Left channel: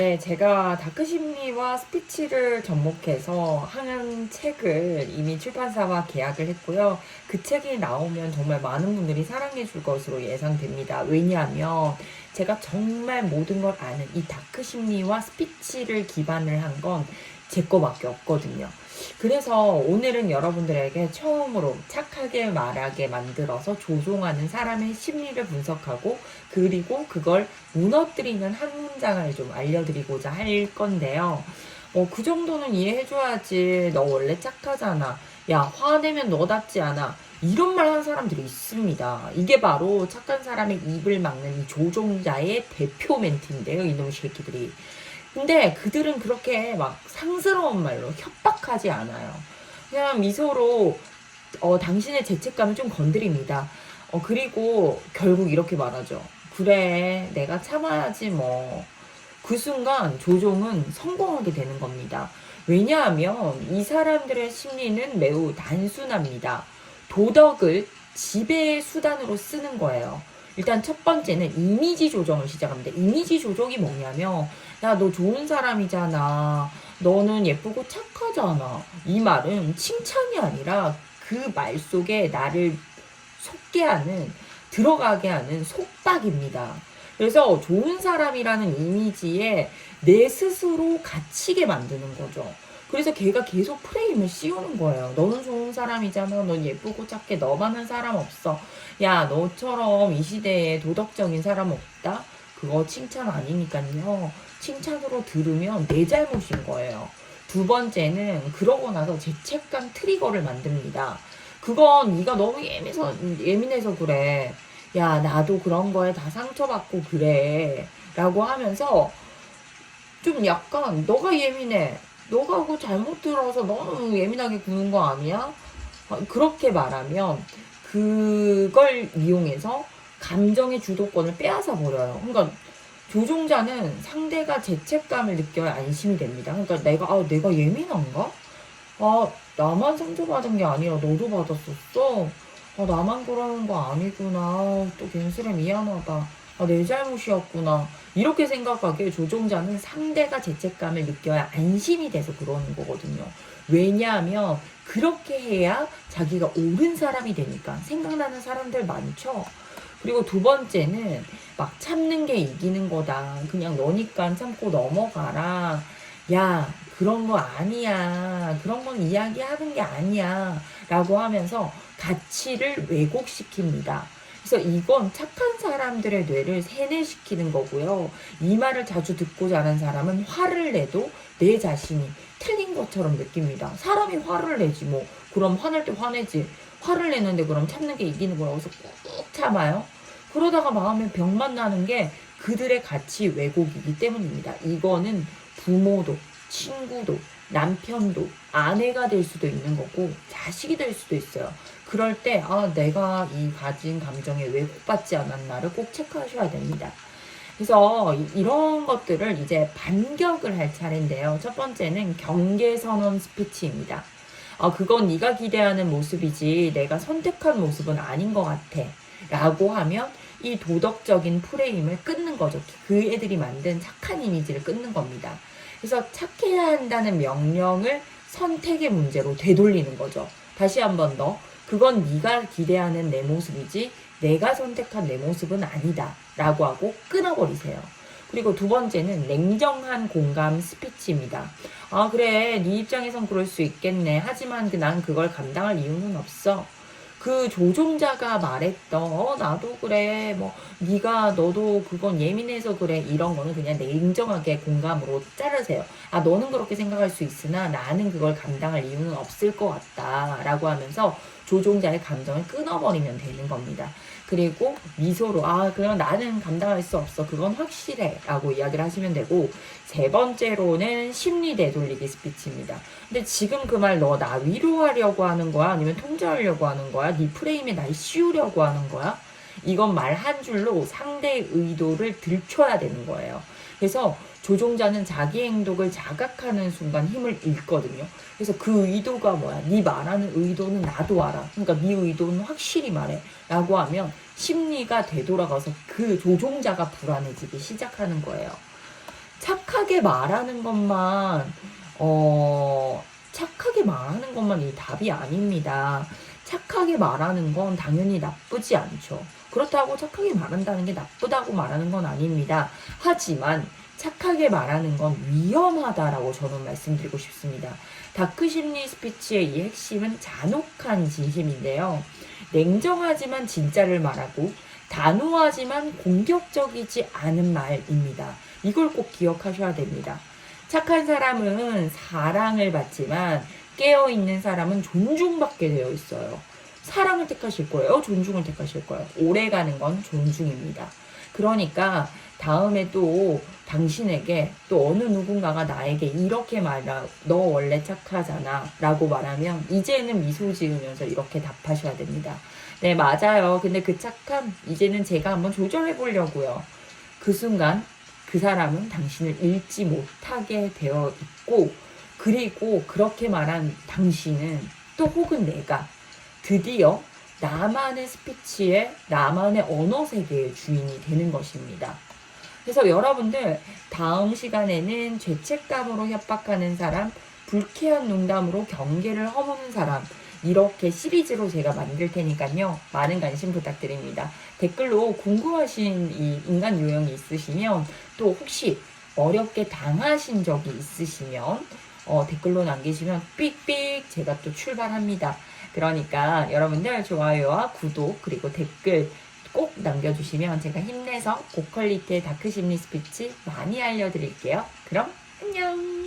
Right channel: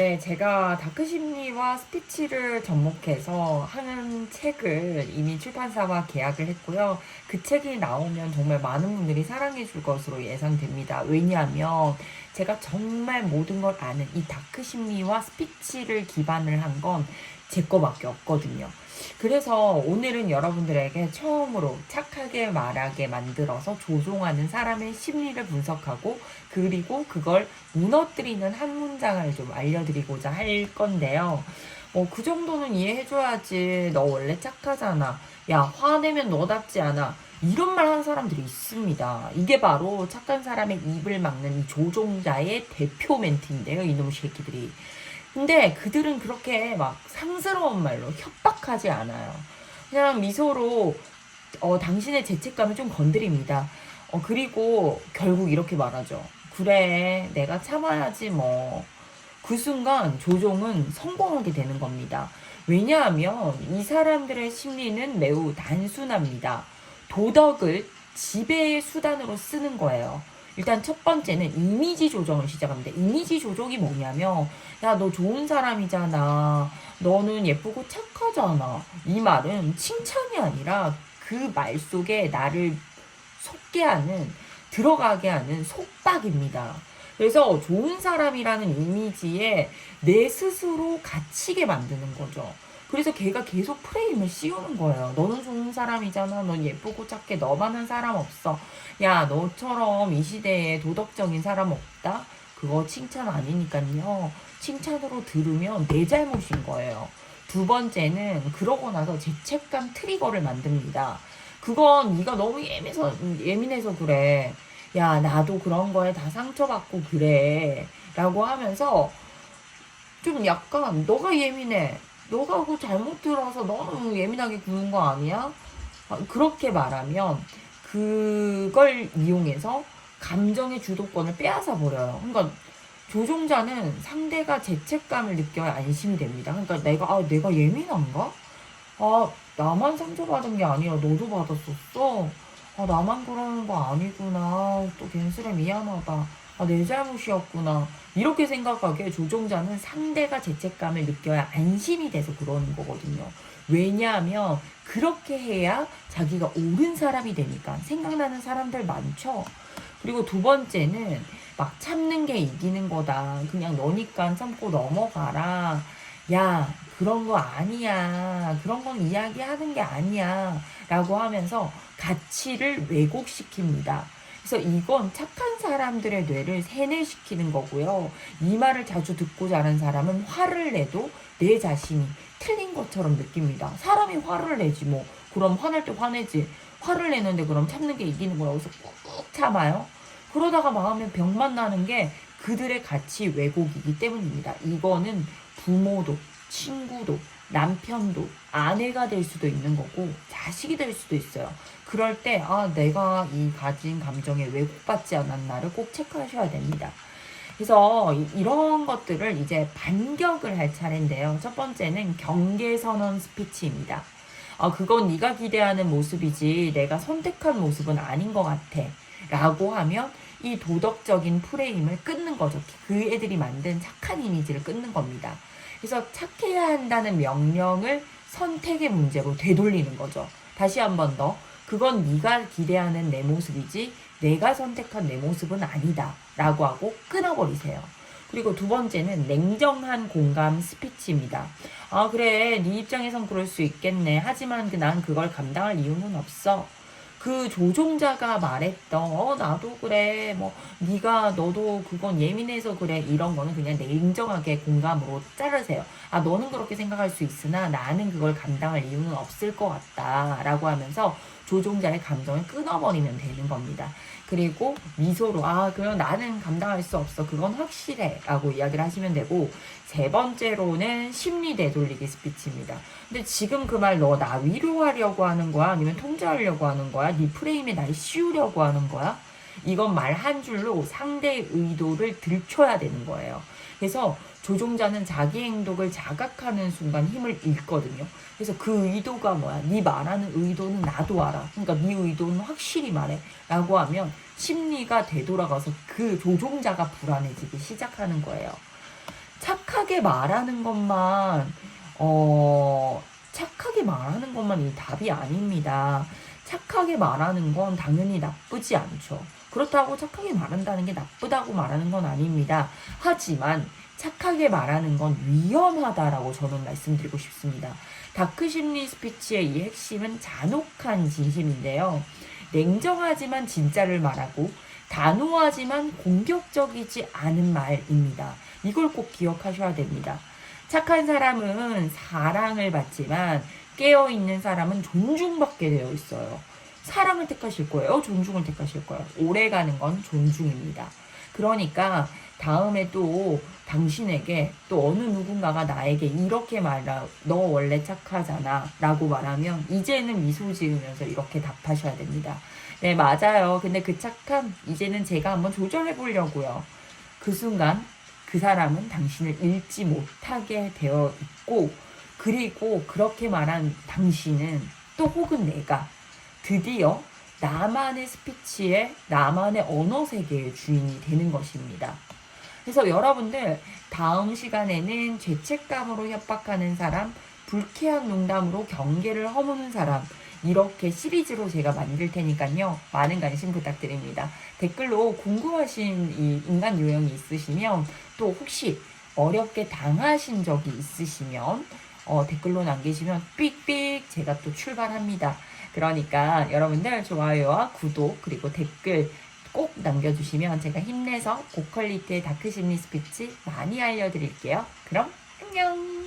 네, 제가 다크심리와 스피치를 접목해서 한 책을 이미 출판사와 계약을 했고요. 그 책이 나오면 정말 많은 분들이 사랑해 줄 것으로 예상됩니다. 왜냐하면 제가 정말 모든 걸 아는 이 다크심리와 스피치를 기반을 한건 제 거밖에 없거든요. 그래서 오늘은 여러분들에게 처음으로 착하게 말하게 만들어서 조종하는 사람의 심리를 분석하고 그리고 그걸 무너뜨리는 한 문장을 좀 알려드리고자 할 건데요. 어, 그 정도는 이해해줘야지. 너 원래 착하잖아. 야, 화내면 너답지 않아. 이런 말 하는 사람들이 있습니다. 이게 바로 착한 사람의 입을 막는 이 조종자의 대표 멘트인데요. 이놈 새끼들이. 근데 그들은 그렇게 막 상스러운 말로 협박하지 않아요. 그냥 미소로 어, 당신의 죄책감을 좀 건드립니다. 어, 그리고 결국 이렇게 말하죠. 그래, 내가 참아야지 뭐. 그 순간 조종은 성공하게 되는 겁니다. 왜냐하면 이 사람들의 심리는 매우 단순합니다. 도덕을 지배의 수단으로 쓰는 거예요. 일단 첫 번째는 이미지 조정을 시작합니다. 이미지 조정이 뭐냐면, 야, 너 좋은 사람이잖아. 너는 예쁘고 착하잖아. 이 말은 칭찬이 아니라 그 말 속에 나를 속게 하는, 들어가게 하는 속닥입니다. 그래서 좋은 사람이라는 이미지에 내 스스로 갇히게 만드는 거죠. 그래서 걔가 계속 프레임을 씌우는 거예요. 너는 좋은 사람이잖아. 넌 예쁘고 착해. 너만한 사람 없어. 야, 너처럼 이 시대에 도덕적인 사람 없다? 그거 칭찬 아니니까요. 칭찬으로 들으면 내 잘못인 거예요. 두 번째는 그러고 나서 죄책감 트리거를 만듭니다. 그건 네가 너무 예민해서, 예민해서 그래. 야, 나도 그런 거에 다 상처받고 그래. 라고 하면서 좀 약간 너가 예민해. 너가 그거 잘못 들어서 너무 예민하게 구는 거 아니야? 어, 그렇게 말하면 그걸 이용해서 감정의 주도권을 빼앗아 버려요. 그러니까 조종자는 상대가 죄책감을 느껴야 안심이 됩니다. 그러니까 내가 아 내가 예민한가? 아 나만 상처받은 게 아니라 너도 받았었어. 아 나만 그러는 거 아니구나. 또 괜스레 미안하다. 아, 내 잘못이었구나. 이렇게 생각하기에 조종자는 상대가 죄책감을 느껴야 안심이 돼서 그러는 거거든요. 왜냐하면 그렇게 해야 자기가 옳은 사람이 되니까 생각나는 사람들 많죠. 그리고 두 번째는 막 참는 게 이기는 거다. 그냥 너니까 참고 넘어가라. 야, 그런 거 아니야. 그런 건 이야기하는 게 아니야. 라고 하면서 가치를 왜곡시킵니다. 그래서 이건 착한 사람들의 뇌를 세뇌시키는 거고요. 이 말을 자주 듣고 자란 사람은 화를 내도 내 자신이 틀린 것처럼 느낍니다. 사람이 화를 내지 뭐. 그럼 화낼 때 화내지. 화를 내는데 그럼 참는 게 이기는 거라고 해서 꾹 참아요. 그러다가 마음에 병 만 나는 게 그들의 가치 왜곡이기 때문입니다. 이거는 부모도, 친구도, 남편도, 아내가 될 수도 있는 거고, 자식이 될 수도 있어요. 그럴 때, 아, 내가 이 가진 감정에 왜곡받지 않았나를 꼭 체크하셔야 됩니다. 그래서 이- 이런 것들을 이제 반격을 할 차례인데요. 첫 번째는 경계선언 스피치입니다. 아, 그건 네가 기대하는 모습이지 내가 선택한 모습은 아닌 것 같아. 라고 하면 이 도덕적인 프레임을 끊는 거죠. 그 애들이 만든 착한 이미지를 끊는 겁니다. 그래서 착해야 한다는 명령을 선택의 문제로 되돌리는 거죠. 다시 한 번 더. 그건 네가 기대하는 내 모습이지 내가 선택한 내 모습은 아니다. 라고 하고 끊어버리세요. 그리고 두 번째는 냉정한 공감 스피치입니다. 아 그래 네 입장에선 그럴 수 있겠네. 하지만 그난 그걸 감당할 이유는 없어. 그 조종자가 말했던 어 나도 그래 뭐 네가 너도 그건 예민해서 그래 이런 거는 그냥 냉정하게 공감으로 자르세요. 아 너는 그렇게 생각할 수 있으나 나는 그걸 감당할 이유는 없을 것 같다 라고 하면서 조종자의 감정을 끊어버리면 되는 겁니다. 그리고 미소로 아 그럼 나는 감당할 수 없어 그건 확실해 라고 이야기를 하시면 되고 세 번째로는 심리 되돌리기 스피치입니다. 근데 지금 그 말 너 나 위로하려고 하는 거야? 아니면 통제하려고 하는 거야? 네 프레임에 날 씌우려고 하는 거야? 이건 말 한 줄로 상대의 의도를 들춰야 되는 거예요. 그래서 조종자는 자기 행동을 자각하는 순간 힘을 잃거든요. 그래서 그 의도가 뭐야? 네 말하는 의도는 나도 알아. 그러니까 네 의도는 확실히 말해. 라고 하면 심리가 되돌아가서 그 조종자가 불안해지기 시작하는 거예요. 착하게 말하는 것만, 어, 착하게 말하는 것만 이 답이 아닙니다. 착하게 말하는 건 당연히 나쁘지 않죠. 그렇다고 착하게 말한다는 게 나쁘다고 말하는 건 아닙니다. 하지만 착하게 말하는 건 위험하다라고 저는 말씀드리고 싶습니다. 다크 심리 스피치의 이 핵심은 잔혹한 진심인데요. 냉정하지만 진짜를 말하고 단호하지만 공격적이지 않은 말입니다. 이걸 꼭 기억하셔야 됩니다. 착한 사람은 사랑을 받지만 깨어있는 사람은 존중받게 되어 있어요. 사랑을 택하실 거예요? 존중을 택하실 거예요? 오래 가는 건 존중입니다. 그러니까 다음에 또 당신에게 또 어느 누군가가 나에게 이렇게 말하, 너 원래 착하잖아 라고 말하면 이제는 미소 지으면서 이렇게 답하셔야 됩니다. 네, 맞아요. 근데 그 착함, 이제는 제가 한번 조절해 보려고요. 그 순간 그 사람은 당신을 잃지 못하게 되어 있고, 그리고 그렇게 말한 당신은 또 혹은 내가 드디어 나만의 스피치에 나만의 언어 세계의 주인이 되는 것입니다. 그래서 여러분들 다음 시간에는 죄책감으로 협박하는 사람, 불쾌한 농담으로 경계를 허무는 사람 이렇게 시리즈로 제가 만들 테니까요. 많은 관심 부탁드립니다. 댓글로 궁금하신 이 인간 유형이 있으시면 또 혹시 어렵게 당하신 적이 있으시면 어, 댓글로 남기시면 삑삑 제가 또 출발합니다. 그러니까 여러분들 좋아요와 구독 그리고 댓글 꼭 남겨주시면 제가 힘내서 고퀄리티의 다크심리 스피치 많이 알려드릴게요. 그럼 안녕!